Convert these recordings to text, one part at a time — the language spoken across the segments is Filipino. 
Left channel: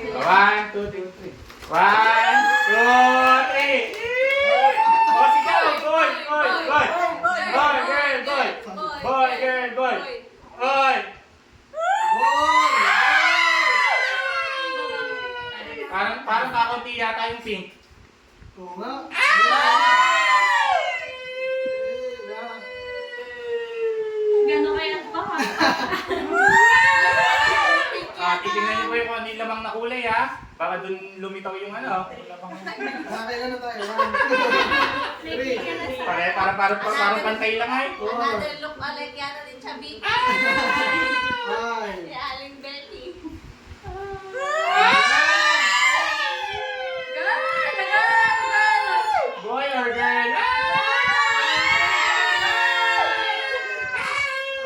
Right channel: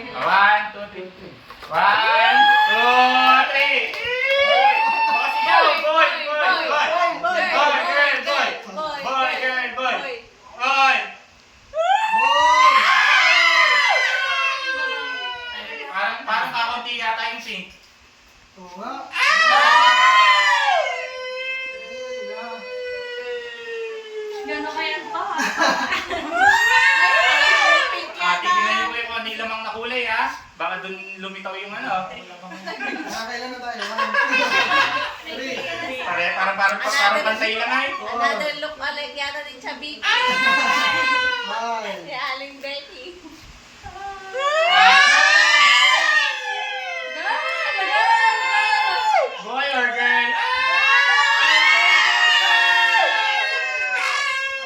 One, two, three. One, two, three. O, sigaw! Boy! Boy! Boy! Boy! Girl! Boy! Boy! Girl! Boy! Boy! Parang kakaunti yata yung pink. Oo nga. Gano'n kaya ba? Titignan niyo po yung kung ano yung lamang na kulay ha. Baka dun lumitaw yung ano. Kailan na tayo? 1, 2, 3. Parang pantay lang ay. Another look alike yata ni Chabib. Ni Aling Betty. Boy or girl?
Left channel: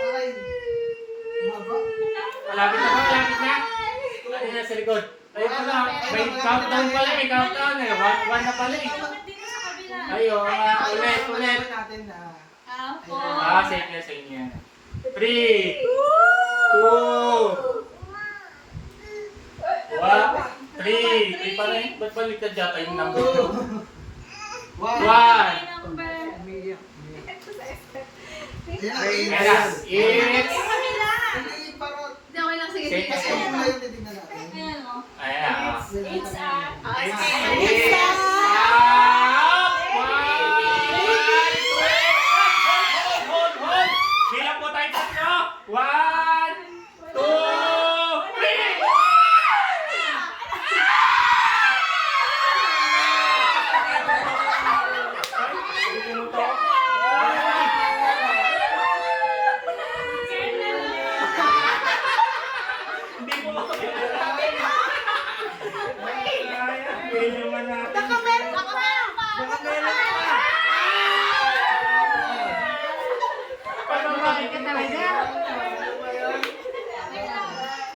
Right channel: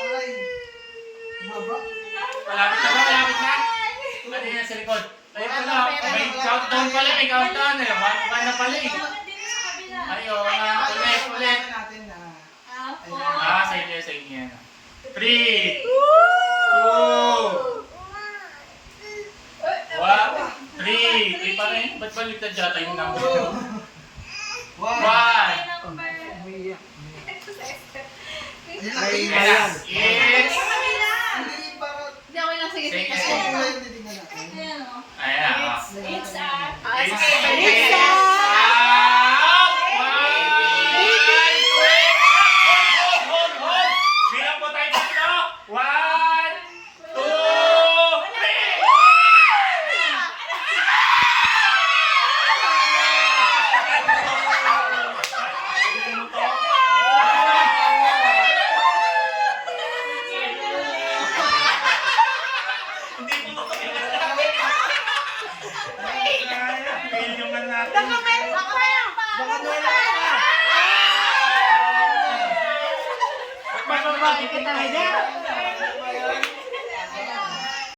Ay. Haba. Malapit na ba? Malapit na? Ano yan sa likod? Ayun pala. May countdown pala. May countdown eh. One na pala eh. Dito sa kabila. Ayun. Ulit. Malaman natin na. Apo. Save yan sa inyo yan. 3, 2, 1, 3. 3 pa rin. Ba't baliktad yata yung number? 1. Number. Umiiyak. Hindi, Ayan. It's... Hindi, para... okay lang. Sige, sige. Mas kulay yung titignan natin. Ayan o. Ayan. It's a... It's out! Hold! Bilang po tayo tatlo. 1, 2, 3! Hindi po ako. Fail naman natin.